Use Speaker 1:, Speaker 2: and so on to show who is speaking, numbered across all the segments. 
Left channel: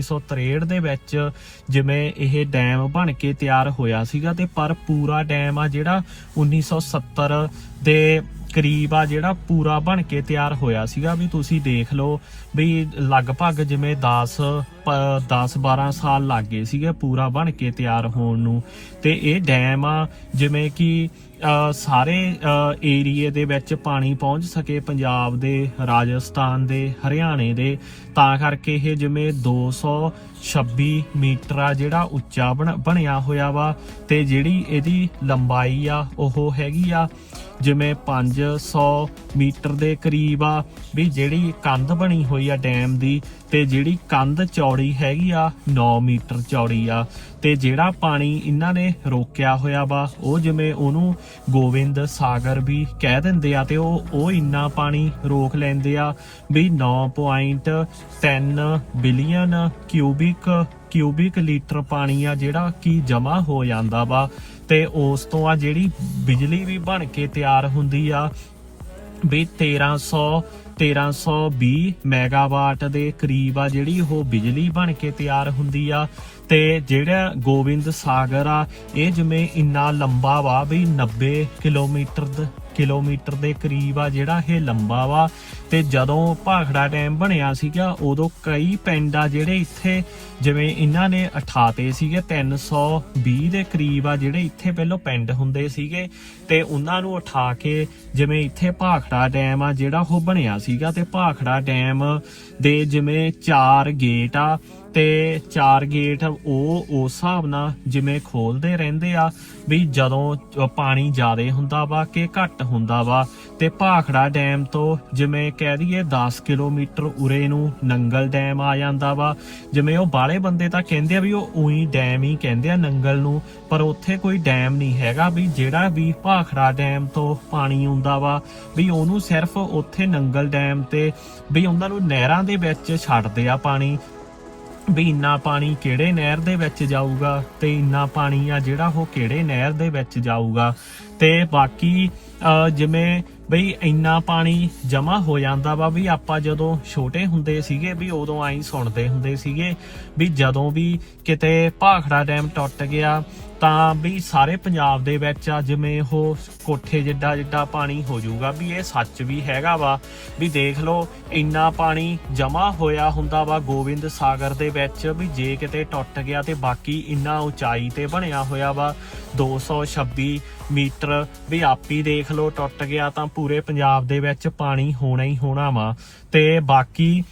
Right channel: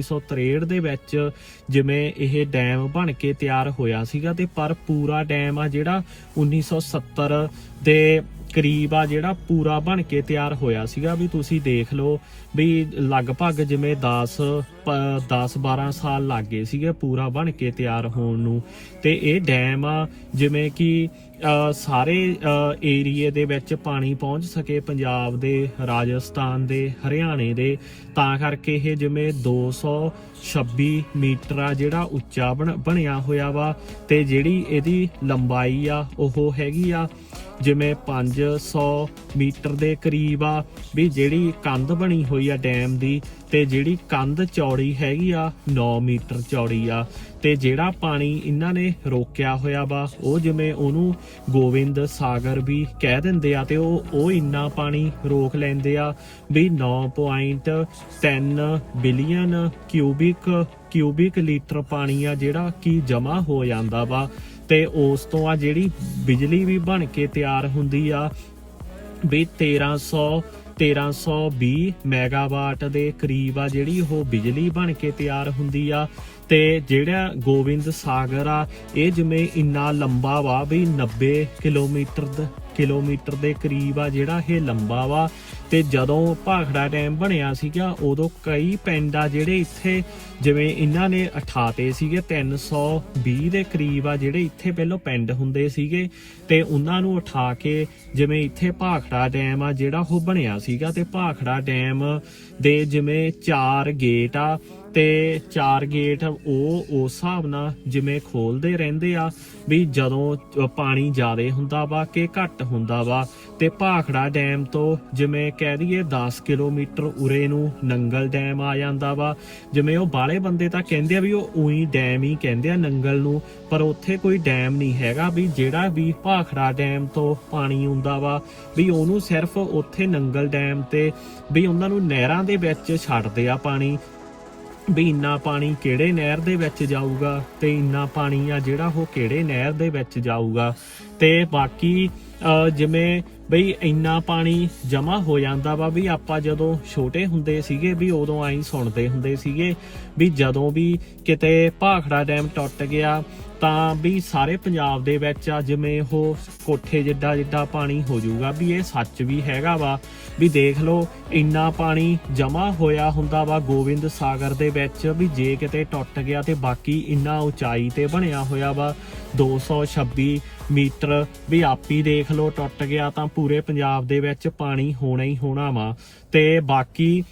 Speaker 1: 1963 ਦੇ ਵਿੱਚ ਜਿਵੇਂ ਇਹ ਡੈਮ ਬਣ ਕੇ ਤਿਆਰ ਹੋਇਆ ਸੀਗਾ ਤੇ ਪਰ ਪੂਰਾ ਡੈਮ ਆ ਜਿਹੜਾ 1970 ਦੇ ਕਰੀਬ ਆ ਜਿਹੜਾ ਪੂਰਾ ਬਣ ਕੇ ਤਿਆਰ ਹੋਇਆ ਸੀਗਾ ਵੀ ਤੁਸੀਂ ਦੇਖ ਲਓ ਵੀ ਲਗਭਗ ਜਿਵੇਂ 10 10 12 ਸਾਲ ਲੱਗ ਗਏ ਸੀਗੇ ਪੂਰਾ ਬਣ ਕੇ ਤਿਆਰ ਹੋਣ ਨੂੰ। ਤੇ ਇਹ ਡੈਮ ਆ, ਜਿਵੇਂ ਕਿ ਸਾਰੇ ਏਰੀਏ ਦੇ ਵਿੱਚ ਪਾਣੀ ਪਹੁੰਚ ਸਕੇ ਪੰਜਾਬ ਦੇ, ਰਾਜਸਥਾਨ ਦੇ, ਹਰਿਆਣੇ ਦੇ। ਤਾਂ ਕਰਕੇ ਇਹ ਜਿਵੇਂ 226 ਮੀਟਰ ਆ ਜਿਹੜਾ ਉੱਚਾ ਬਣ- ਬਣਿਆ ਹੋਇਆ ਵਾ। ਤੇ ਜਿਹੜੀ ਇਹਦੀ ਲੰਬਾਈ ਆ, ਉਹ ਹੈਗੀ ਆ ਜਿਵੇਂ 500 ਮੀਟਰ ਦੇ ਕਰੀਬ ਆ। ਵੀ ਜਿਹੜੀ ਕੰਧ ਬਣੀ ਹੋਈ ਆ ਡੈਮ ਦੀ ਤੇ ਜਿਹੜੀ ਕੰਧ ਚੌੜੀ ਹੈਗੀ ਆ 9 ਮੀਟਰ ਚੌੜੀ ਆ, ਤੇ ਜਿਹੜਾ ਪਾਣੀ ਇਹਨਾਂ ਨੇ ਰੋਕਿਆ ਹੋਇਆ ਵਾ, ਉਹ ਜਿਵੇਂ ਉਹਨੂੰ ਗੋਬਿੰਦ ਸਾਗਰ ਵੀ ਕਹਿ ਦਿੰਦੇ ਆ, ਤੇ ਉਹ ਉਹ ਇੰਨਾ ਪਾਣੀ ਰੋਕ ਲੈਂਦੇ ਆ ਵੀ 9.10 ਬਿਲੀਅਨ ਕਿਊਬਿਕ ਕਿਊਬਿਕ ਲੀਟਰ ਪਾਣੀ ਆ ਜਿਹੜਾ ਕਿ ਜਮਾ ਹੋ ਜਾਂਦਾ ਵਾ। ਤੇ ਉਸ ਤੋਂ ਆ ਜਿਹੜੀ ਬਿਜਲੀ ਵੀ ਬਣ ਕੇ ਤਿਆਰ ਹੁੰਦੀ ਆ, ਵੀ 1300 1320 ਮੈਗਾਵਾਟ ਦੇ ਕਰੀਬ ਆ ਜਿਹੜੀ ਉਹ ਬਿਜਲੀ ਬਣ ਕੇ ਤਿਆਰ ਹੁੰਦੀ ਆ। ਤੇ ਜਿਹੜਾ ਗੋਬਿੰਦ ਸਾਗਰ ਆ, ਇਹ ਜਿਵੇਂ ਇੰਨਾ ਲੰਬਾ ਵਾ ਵੀ 90 ਕਿਲੋਮੀਟਰ ਕਿਲੋਮੀਟਰ ਦੇ ਕਰੀਬ ਆ, ਜਿਹੜਾ ਇਹ ਲੰਬਾ ਵਾ। ਤੇ ਜਦੋਂ ਭਾਖੜਾ ਡੈਮ ਬਣਿਆ ਸੀਗਾ, ਉਦੋਂ ਕਈ ਪਿੰਡ ਆ ਜਿਹੜੇ ਇੱਥੇ, ਜਿਵੇਂ ਇਹਨਾਂ ਨੇ ਉਠਾਤੇ ਸੀਗੇ 320 ਦੇ ਕਰੀਬ ਆ, ਜਿਹੜੇ ਇੱਥੇ ਪਹਿਲਾਂ ਪਿੰਡ ਹੁੰਦੇ ਸੀਗੇ। ਤੇ ਉਹਨਾਂ ਨੂੰ ਉਠਾ ਕੇ ਜਿਵੇਂ ਇੱਥੇ ਭਾਖੜਾ ਡੈਮ ਆ, ਜਿਹੜਾ ਉਹ ਬਣਿਆ ਸੀਗਾ। ਤੇ ਭਾਖੜਾ ਡੈਮ ਦੇ ਜਿਵੇਂ ਚਾਰ ਗੇਟ ਆ ਤੇ ਚਾਰ ਗੇਟ ਉਹ ਉਸ ਹਿਸਾਬ ਨਾਲ ਜਿਵੇਂ ਖੋਲਦੇ ਰਹਿੰਦੇ ਆ ਵੀ ਜਦੋਂ ਪਾਣੀ ਜ਼ਿਆਦਾ ਹੁੰਦਾ ਵਾ ਕਿ ਘੱਟ ਹੁੰਦਾ ਵਾ ਤੇ ਭਾਖੜਾ ਡੈਮ ਤੋਂ ਜਿਵੇਂ ਕਹਿ ਦਈਏ 10 ਕਿਲੋਮੀਟਰ ਉਰੇ ਨੂੰ ਨੰਗਲ ਡੈਮ ਆ ਜਾਂਦਾ ਵਾ, ਜਿਵੇਂ ਉਹ ਬਾਲੇ ਬੰਦੇ ਤਾਂ ਕਹਿੰਦੇ ਆ ਵੀ ਉਹ ਉਹੀ ਡੈਮ ਹੀ ਕਹਿੰਦੇ ਆ ਨੰਗਲ ਨੂੰ, ਪਰ ਉੱਥੇ ਕੋਈ ਡੈਮ ਨਹੀਂ ਹੈਗਾ ਵੀ ਜਿਹੜਾ ਵੀ ਭਾਖੜਾ ਡੈਮ ਤੋਂ ਪਾਣੀ ਆਉਂਦਾ ਵਾ ਵੀ ਉਹਨੂੰ ਸਿਰਫ ਉੱਥੇ ਨੰਗਲ ਡੈਮ ਤੇ ਵੀ ਉਹਨਾਂ ਨੂੰ ਨਹਿਰਾਂ ਦੇ ਵਿੱਚ ਛੱਡਦੇ ਆ ਪਾਣੀ ਵੀ ਇੰਨਾ ਪਾਣੀ ਕਿਹੜੇ ਨਹਿਰ ਦੇ ਵਿੱਚ ਜਾਊਗਾ ਤੇ ਇੰਨਾ ਪਾਣੀ ਆ ਜਿਹੜਾ ਉਹ ਕਿਹੜੇ ਨਹਿਰ ਦੇ ਵਿੱਚ ਜਾਊਗਾ। ਤੇ ਬਾਕੀ ਜਿਵੇਂ ਬਈ ਇੰਨਾ ਪਾਣੀ ਜਮਾ ਹੋ ਜਾਂਦਾ ਵਾ ਵੀ ਆਪਾਂ ਜਦੋਂ ਛੋਟੇ ਹੁੰਦੇ ਸੀਗੇ ਵੀ ਉਦੋਂ ਆਈ ਸੁਣਦੇ ਹੁੰਦੇ ਸੀਗੇ ਵੀ ਜਦੋਂ ਵੀ ਕਿਤੇ ਭਾਖੜਾ ਡੈਮ ਟੁੱਟ ਗਿਆ ਤਾਂ ਵੀ ਸਾਰੇ ਪੰਜਾਬ ਦੇ ਵਿੱਚ ਆ, ਜਿਵੇਂ ਉਹ ਕੋਠੇ ਜਿੱਡਾ ਜਿੱਡਾ ਪਾਣੀ ਹੋ ਜਾਊਗਾ, ਵੀ ਇਹ ਸੱਚ ਵੀ ਹੈਗਾ ਵਾ, ਵੀ ਦੇਖ ਲਓ, ਇੰਨਾ ਪਾਣੀ ਜਮਾ ਹੋਇਆ ਹੁੰਦਾ ਵਾ ਗੋਬਿੰਦ ਸਾਗਰ ਦੇ ਵਿੱਚ, ਵੀ ਜੇ ਕਿਤੇ ਟੁੱਟ ਗਿਆ ਤੇ ਬਾਕੀ ਇੰਨਾ ਉਚਾਈ ਤੇ ਬਣਿਆ ਹੋਇਆ ਵਾ 226 ਮੀਟਰ, ਵੀ ਆਪੀ ਦੇਖ ਲਓ ਟੁੱਟ ਗਿਆ ਤਾਂ ਪੂਰੇ ਪੰਜਾਬ ਦੇ ਵਿੱਚ ਪਾਣੀ ਹੋਣਾ ਹੀ ਹੋਣਾ ਵਾ, ਤੇ ਬਾਕੀ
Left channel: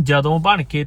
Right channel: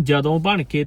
Speaker 1: ਜਦੋਂ ਬਣ ਕੇ